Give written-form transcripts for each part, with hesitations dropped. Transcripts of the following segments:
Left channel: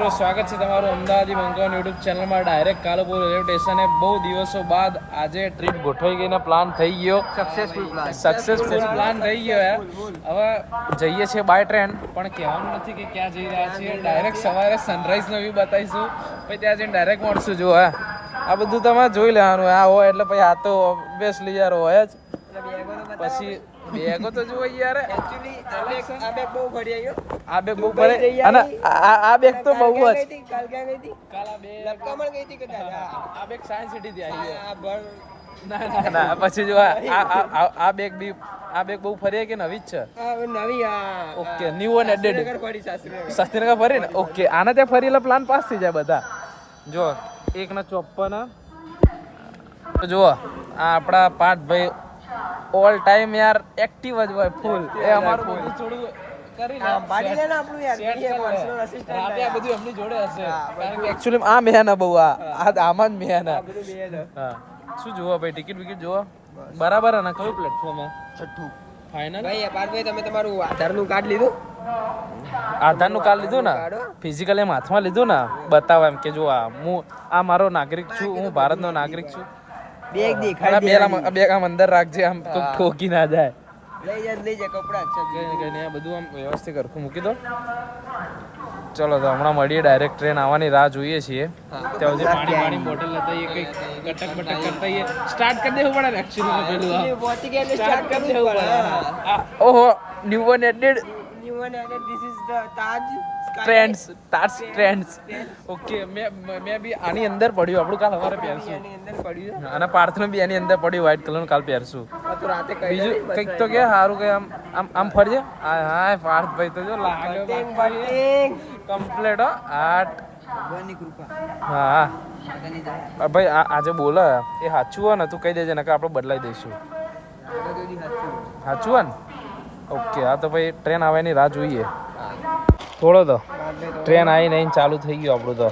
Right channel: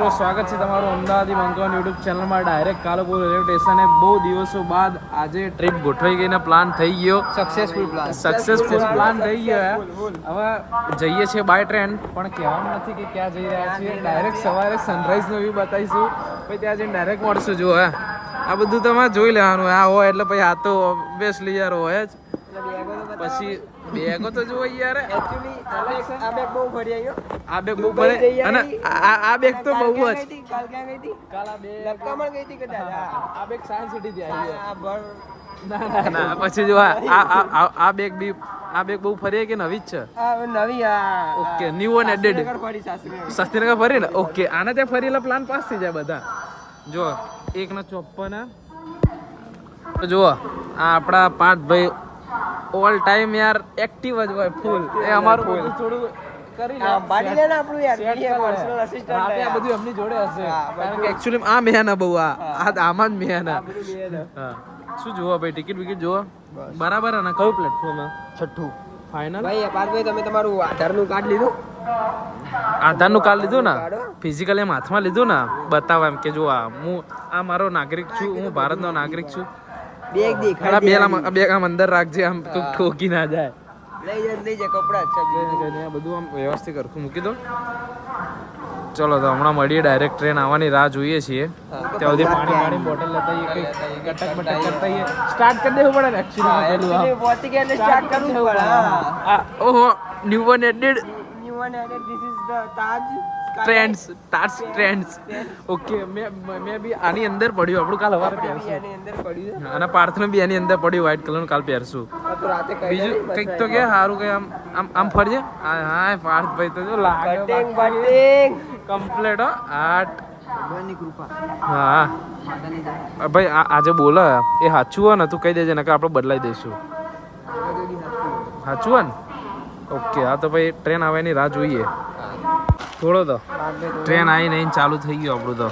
મિત્રો, સ્વાગત છે તમારું અમદાવાદી મંકવાન યુટ્યુબ ચેનલમાં. ડાયરેક્ટ કાલુપુર રેલવે સ્ટેશને બહુ દિવસો બાદ આજે ટ્રીપ ગોઠવાઈ ગઈને પ્લાન થઈ ગયો. સક્સેસફુલ પ્લાન થઈ ગયો. હવે જઈએ છીએ બાય ટ્રેન, પણ કહેવાનું નથી કે ક્યાં જઈ રહ્યા છીએ. ડાયરેક્ટ સવારે સનરાઈઝનો વ્યૂ બતાવીશું, પછી ત્યાં જઈને ડાયરેક્ટ મળશું. જો આ બધું તમારે જોઈ લેવાનું. આ હોય એટલે પછી આ તો ઓબ્વિયસલી યાર હોય જ. પછી બેગો તો જુઓ યાર, આ બેગ બહુ ફરી અને આ બેગ તો બહુ જ. આ બેગ સાયન્સ સિટી થી આવી ના પછી જો આ બેગ બી આ બેગ બહુ ફરી કે નવી જ છે? નવી. Okay, new and added. Shastrinagar ફરી ને? ઓકે, આને ત્યાં ફરી એટલે પ્લાન પાસ થઈ જાય બધા. જો 1:54 જુઓ, આ આપણા પાર્થભાઈ ઓલ ટાઈમ યાર એક્ટિવ જ હોય ફૂલ. એ અમારું બધું થોડું કરી લે, રાતે આ બધું એમની જોડે હશે, કારણ કે એક્ચ્યુઅલી આ મેહના બહુ આમાં જ મેહના. હા, શું જોવો ભાઈ? ટિકિટ વિકિટ જોવો બરાબર ને? કયું પ્લેટફોર્મ? છઠ્ઠું ફાઇનલ. ભાઈ પાર્થભાઈ, તમે તમારું આધારનું કાર્ડ લીધું? આધારનું કાર્ડ લીધું ને? ફિઝિકલ એમ હાથમાં લીધું ને? બતાવો એમ કે જો હું આ મારો નાગરિક છું, હું ભારતનો નાગરિક છું. બેગ આમ અંદર રાખજે, આમ તો ઠોકી ના જાય. લઈ જાય કપડા બધું આમ વ્યવસ્થિત કરખું મૂકી દો. ચલો તો હમણાં મળીએ. ડાયરેક્ટ ટ્રેન આવવાની રાહ જોઈએ છીએ. ત્યાં સુધી પાણી બોટલ લેતા આવીએ, કંઈક કટક બટક કરતા આવીએ. સ્ટાર્ટ કરી દેવું પડે ને એકચ્યુઅલી પેલું આમ સ્ટાર્ટ કરી દેવું પડે. ઓહો, new one added. This is the Taj trends. Okay, મેં બી આની અંદર પડ્યું. આપણું કાલ સવારે પહેરશું. અને પાર્થનું બી એની અંદર પડ્યું વ્હાઈટ કલરનું, કાલ પહેરશું. બીજું કંઈક તો કે સારું કે આમ આમ આમ ફરજે. હા પાર્થભાઈ તો જો લાગે કમ્પ્લેટ. ભગવાનની કૃપા. હા ભાઈ, આજે બોલે એ સાચું હોય ને તું કહી દેજે, નકર આપણે બદલાઈ દઈશું. સાચું હોય ને? ઓકે, હા તો ભાઈ ટ્રેન આવવાની રાહ જોઈએ. થોડો તો ટ્રેન આવી નહીં, ચાલુ થઈ ગયું આપણું તો.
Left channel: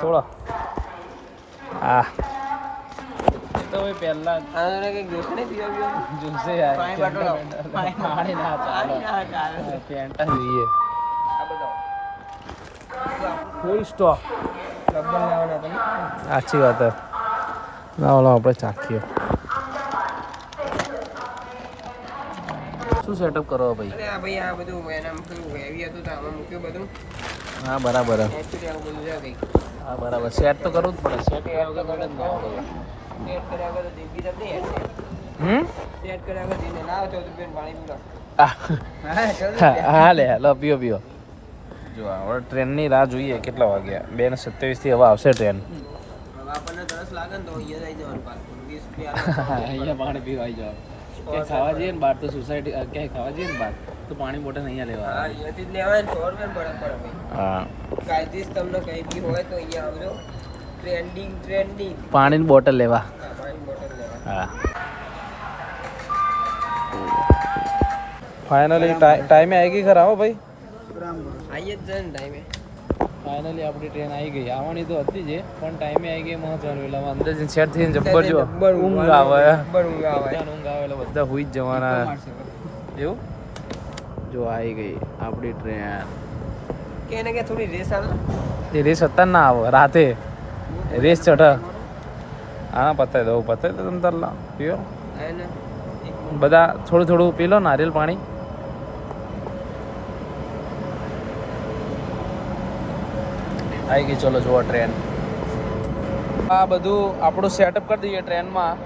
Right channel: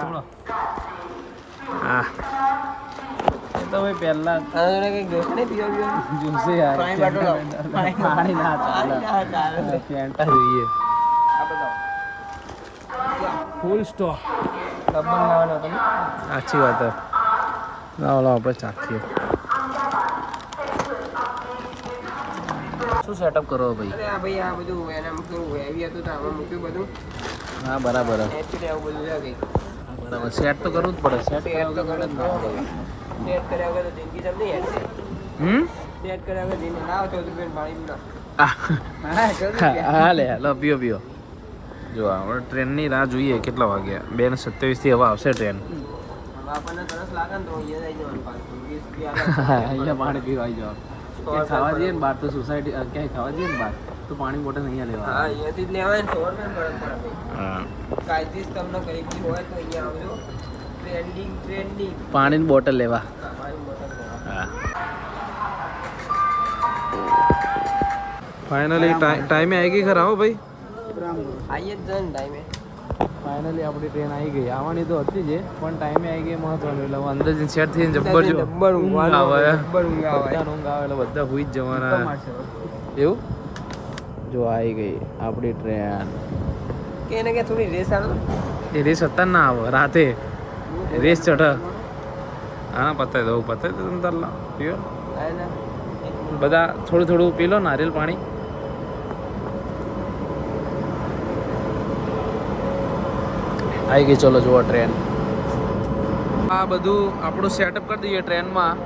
થોડો હા તો ભાઈ પહેલા જોઈએ. Full stop. સાચી વાત ના, ઓલો આપણે ચાખીએ. શું સેટઅપ કરો ભાઈ? ભાઈ આ બધું એનામ થોડું હેવી હતું તો આમાં મૂક્યું બધું. હા બરાબર. આવું બધું છે કંઈક. હા બરાબર, સેટ તો કરવું જ પડે. સેટ કર્યા વગર જિંદગી જમ નહીં. સેટ કર્યા વગર જઈને લાવો 14 રૂપિયા પાણી પીવડાવો. હા લે, લો પીઓ. જો હવે ટ્રેનની રાહ જોઈએ. કેટલા વાગ્યા? 2:27 થી હવે આવશે ટ્રેન. આપણને તરસ લાગે ને તો અહીંયા આવી જવાનું પાછું. 20 રૂપિયા અહીંયા પાણી પીવા આવી જવાનું. ક્યાંય ખાવા જઈએ ને બહાર તો સોસાયટી ક્યાંય ખાવા જઈએ ને બહાર તો પાણી બોટલ અહીંયા લેવા. હા, અહીંયાથી જ લેવાય ને. 100 રૂપિયા પડે. હા, પ્રાઇઝિસ તમને કઈ બી હોય તો અહીંયા આવજો. ટ્રેન્ડિંગ પાણીની બોટલ લેવા. હા, પાણીની બોટલ લેવા. હા, ફાઇનલી ટાઈમે આવી ગઈ ખરા હો ભાઈ. આવી જ જાય ને ટાઈમે. ફાઇનલી આપણી ટ્રેન આવી ગઈ. આવવાની તો હતી જ, પણ ટાઈમે આવી ગઈ મહત્વનું. એટલે અંદર જઈને સેટ થઈને જબ્બર જો ઊંઘ આવે એટલે બધા હુઈ જ જવાના. એવું જો આવી ગઈ આપણી ટ્રેન. કે થોડી રેસ આવે. એ રેસ અત્યારે ના આવે, રાતે રેસ ચઢ. હા પતાવી દઉં તમે તાર પીઓ બધા. થોડું પી લો નારિયેલ પાણી. આવી ગઈ. ચલો જુઓ ટ્રેન. આ બધું આપણું સેટઅપ કરી દઈએ ટ્રેનમાં.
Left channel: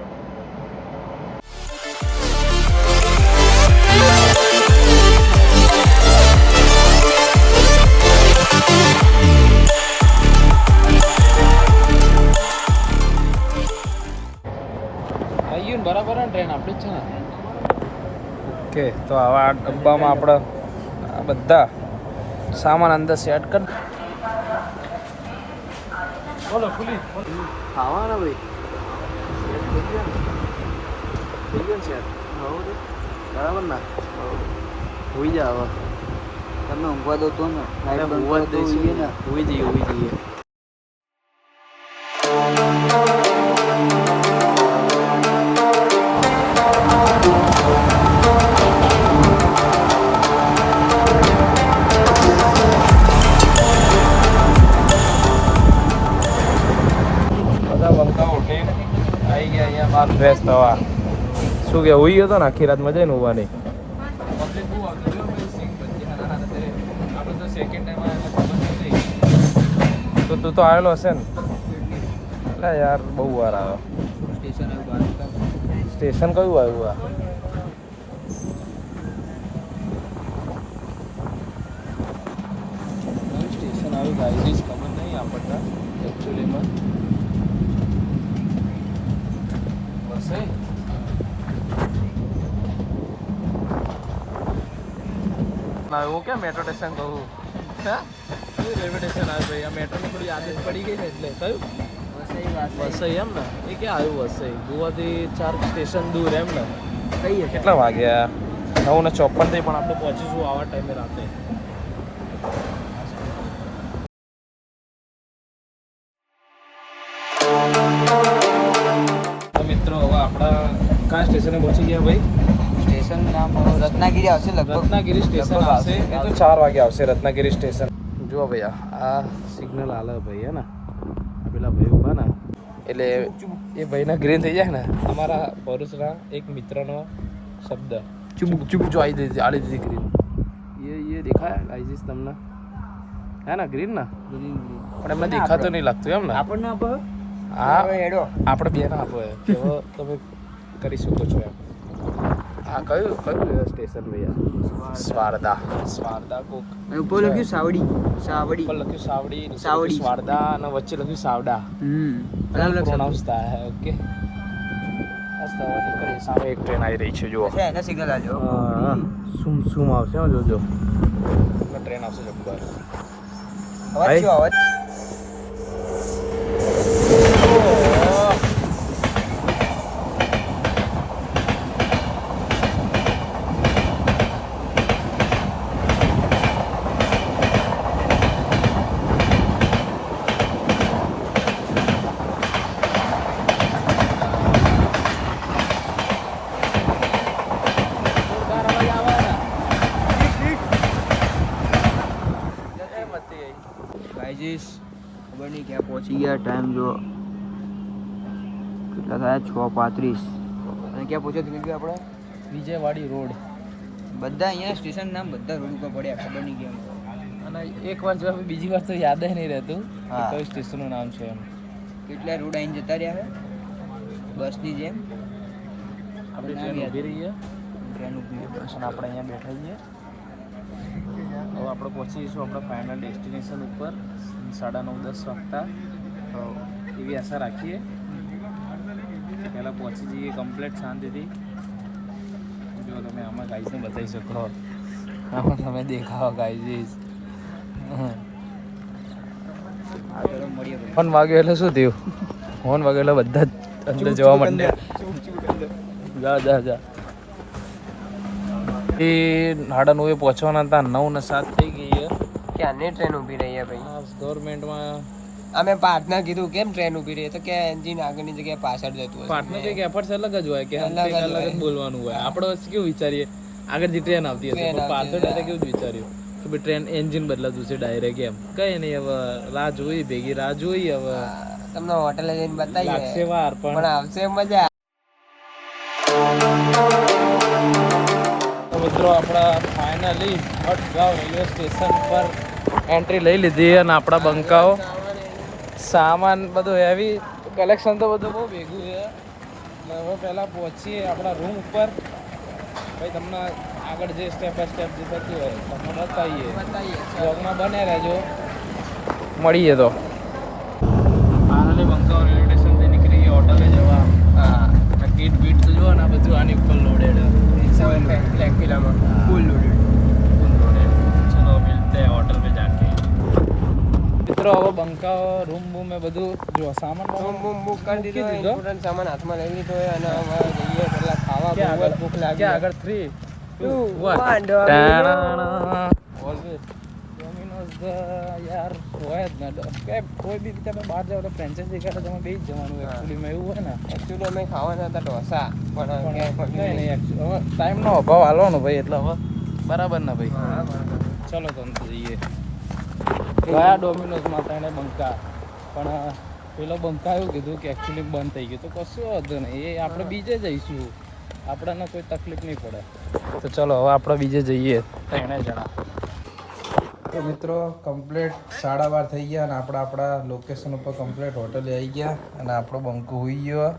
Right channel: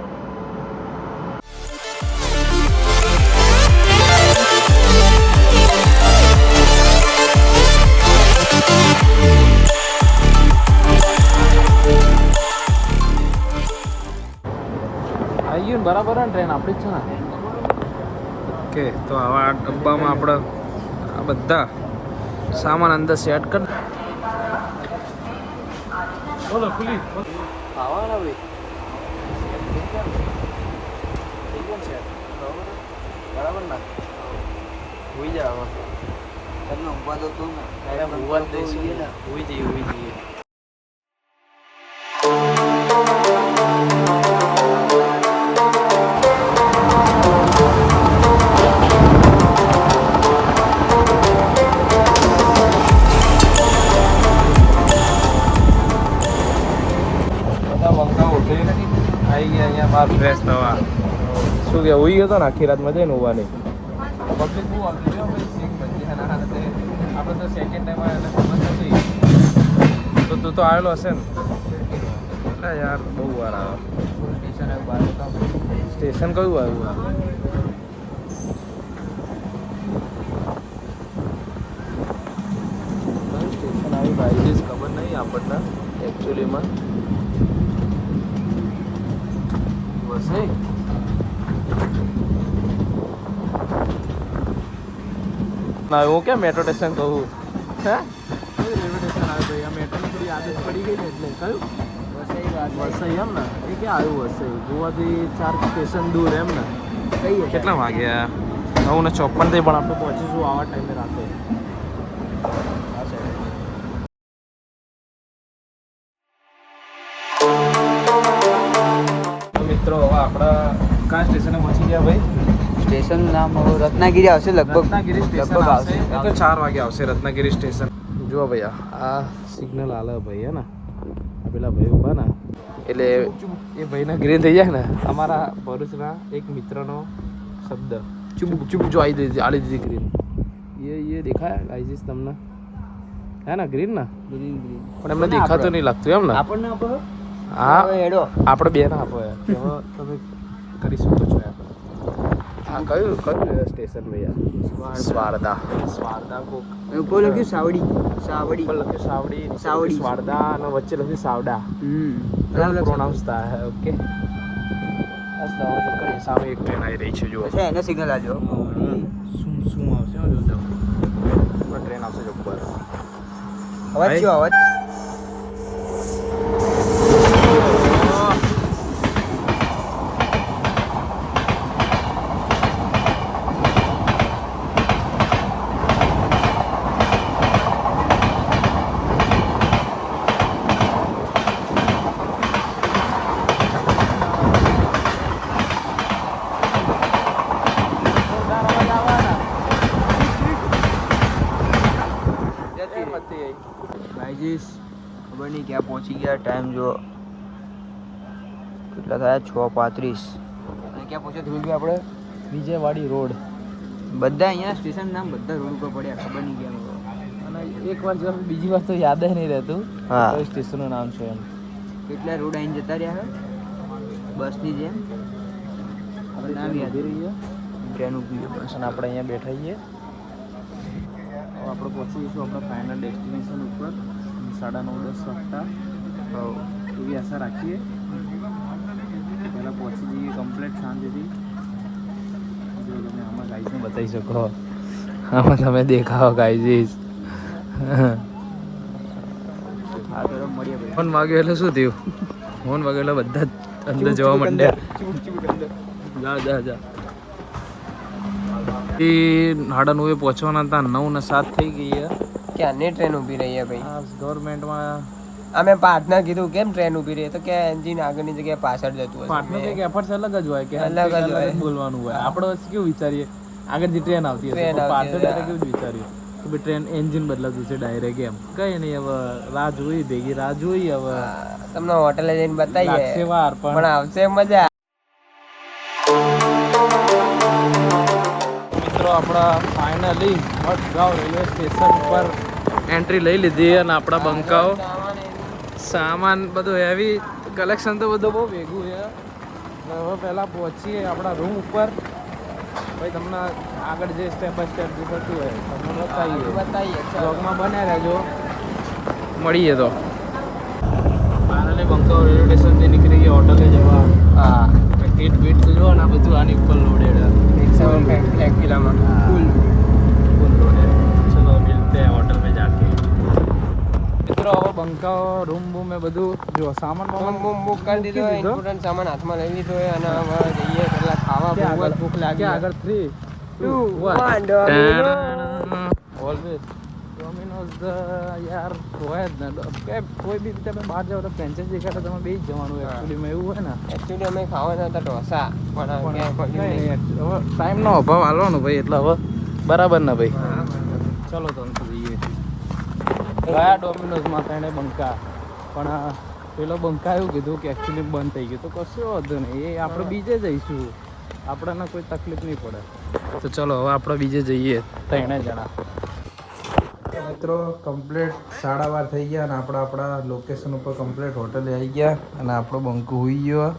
આવી ગયું ને બરાબર ને? ટ્રેન આપણી જ છે ને? ઓકે, તો આવા ડબ્બામાં આપણે આ બધા સામાન અંદર સેટ કરી. ખાવાના ભાઈ બરાબર ના હોઈ જાય. હવે તમને ઊંઘવા દો તું ને? ઊંઘવા જ દઈશું ને. હોઈ જઈએ. આવા શું કે હોઈ હતો ને આખી રાત મજા ને હોવાની પબ્લિક બહુ આવતી જો આપણે તો સેકન્ડ ટાઈમ આવે એટલે ખબર નથી તો તું તો આવેલો હશે ને હા યાર બહુ વાર આવ્યો સ્ટેશન કયું આવ્યું આ સ્ટેશન આવ્યું ગાઈઝ ખબર નહીં આપણને એકચ્યુઅલીમાં બસ આવ્યો ક્યાં મેટ્રો સ્ટેશન કહું હે કયું રેલવે સ્ટેશન આવ્યું ભાઈ આ મેટ્રોની થોડી આદત પડી ગઈ ને એટલે કયું વસઈ એમ ને એ ક્યાં આવ્યું વસઈ ગોવાથી 4 સ્ટેશન દૂર એમ ને કેટલા વાગ્યા 9:54 થઈ પણ આપણે પહોંચીશું આવા ટાઈમે રાતે મિત્રો હવે આપણા કયા સ્ટેશને પહોંચી ગયા ભાઈ સ્ટેશન નામ રત્નાગીરી આવશે લગભગ રત્નાગીરી સ્ટેશન આવશે એ તો 4 વાગે આવશે રત્નાગીરી સ્ટેશન જુઓ ભૈયા આ સિગ્નલ આલે ભાઈ હે ને આ પેલા ભાઈ ઉભા ને એટલે એ ભાઈના ગ્રીન થઈ જાય ને અમારા ભરૂચના એક મિત્રનો શબ્દ ચૂપ ચૂપ જો આલી દીધી ગ્રીન એ દેખાય ગાઈઝ તમને હે ને ગ્રીન ને ગ્રીન પણ એમને દેખાતો નહીં લાગતું એમ ને આપણને આપો હા આપણે બે ના આપો કે હવે તમે કરી શકો છો એમ હા કયું સ્ટેશન ભૈયા સ્વારદા કોક ઉપર લખ્યું સાવડી ઉપર લખ્યું સાવડી નીચે લખ્યું સ્વારદા અને વચ્ચે લખ્યું સાવડા 3 પ્રોનાઉન્સ થાય ઓકે સામે એક ટ્રેન આવી રહી છે જુઓ એને સિગ્નલ આજો શું આવશે જોજો ટ્રેન આવશે ઉપર અવાજ ગાઈઝ ખબર નહીં ક્યાં પહોંચી ગયા ટાઈમ જો કેટલા થયા 6:35 અને ક્યાં પહોંચ્યા ધ્રુવભાઈ આપણે વિજયવાડી રોડ બધા અહીંયા સ્ટેશન નામ બધા રોડ ઉપર પડ્યા ખબર નહીં કેમ અને એક વાર જો બીજી વાર તો યાદ નહીં રહેતું કઈ સ્ટેશનનું નામ છે એમ કેટલા રોડ આવીને જતા રહ્યા બસની જેમ આપણે નામ યાદ રહીએ ટ્રેન ઊભી બસ અને આપણે અહીંયા બેઠા છીએ હવે આપણે પહોંચીશું આપણા ફાઇનલ ડેસ્ટિનેશન ઉપર 9:30-10 વાગતા એવી આશા રાખીએ પહેલાં પહોંચી જઈએ કમ્પ્લીટ શાંતિથી જો તમે આમાં ગાઈસને બતાવી શકો આમાં તમે દેખાવો ગાઈઝીસ મળીએ ભાઈ ફોન વાગ્યો એટલે શું થયું ફોન વાગ્યો એટલે બધા અંદર જવા માંડ્યા જા એ 9:30 પહોંચવાના હતા 9:07 થઈ ગઈ ક્યાંની ટ્રેન ઊભી રહી છે ભાઈ ગવર્મેન્ટમાં અમે પાર્ટનર કીધું કેમ ટ્રેન ઊભી રહી તો કે એન્જિન આગળની જગ્યાએ પાછળ જતું હોય પાર્ટનર કંઈક એફર્ટ્સ અલગ જ હોય કે અલગ જ બોલવાનું હોય આપણે કેવું વિચારીએ આગળ જે ટ્રેન આવતી હતી પાછળ ડાયરેક્ટ કેવું જ વિચાર્યું કે ભાઈ ટ્રેન એન્જિન બદલાતું છે ડાયરેક્ટ એમ કઈ નહીં હવે રાહ જોઈ ભેગી રાહ જોઈ હવે તમને હોટેલે જઈને બતાવીએ લાગશે વાર પણ આવશે મજા મિત્રો આપણા ફાઇનલી મડગાંવ રેલવે સ્ટેશન પર એન્ટ્રી લઈ લીધી અને આપણા બંકાઓ સામાન બધું હેવી કલેક્શન તો બધું બહુ ભેગું છે હવે પહેલાં પહોંચીએ આપણા રૂમ ઉપર ભાઈ તમને આગળ જે સ્ટેપ બાય સ્ટેપ જે થતું હોય તમને બતાવીએ બ્લોગમાં બને રહેજો મળીએ તો ફાઇનલી બંકાઓ રેલવે સ્ટેશનથી નીકળી ગયા હોટલે જવા હા ટીટ બીટ તો જો ને આ બધું આની ઉપર લોડેડ એક્ટિવામાં फुल लोडेड चलो मिलते हैं होटल में जाके મિત્રો હવે બંકાઓ રૂમ બૂમ એ બધું જો સામાન બુક કરી દીધો ઇમ્પોર્ટન્ટ સામાન હાથમાં લઈ લીધો અને હવે જઈએ પેલા ખાવા બહુ ભૂખ લાગી આગળ 3 2 1 ડોમિનોઝ યાર હોય જ ને કે કોઈ બી રીતે બહાર જાવ તો ફ્રેન્ચાઇઝી કરે તમે બે જ જવાનું એકચ્યુઅલીમાં એવું હોય ને એકચ્યુઅલી અમે ખાવા જતા ઢોસા પણ કંઈ નહીં હવે ટાઈમનો અભાવ હાલવાનો ભાઈ એટલે હવે બરાબર ને ભાઈ હા બરાબર ચલો તમે જઈએ ગયા ડોમિનોઝમાં તેને બંકા પણ પેલો બંકા એવું કીધું કે એકચ્યુઅલી બંધ થઈ ગયું તો કશું વાંધો નહીં, એ આપણે બીજે જઈશું, આપણને કોઈ તકલીફ નહીં પડે. તો ચલો હવે આપણે બીજે જઈએ 3 જણા. તો મિત્રો કમ્પ્લીટ 12:30 થઈ ગયા અને આપણે આપણા લોકેશન ઉપર કમ્પ્લીટ હોટલે આવી ગયા અને આપણો બંકો હોઈ ગયો.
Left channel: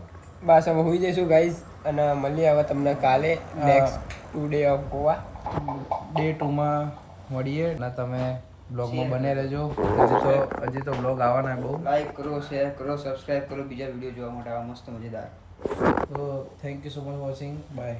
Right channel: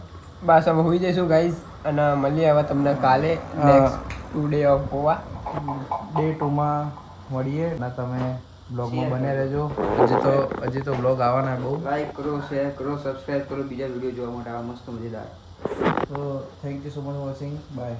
બસ હવે હોઈ જઈશું ગાઈઝ અને મળીએ હવે તમને કાલે next 2 day of Goa. Day 2માં મળીએ અને તમે બ્લોગમાં બને રહેજો. હજી તો બ્લોગ આવવાના બહુ. લાઈક કરો, શેર કરો, સબસ્ક્રાઇબ કરો બીજા વિડીયો જોવા માટે આવા મસ્ત મજેદાર. તો thank you so much watching. By.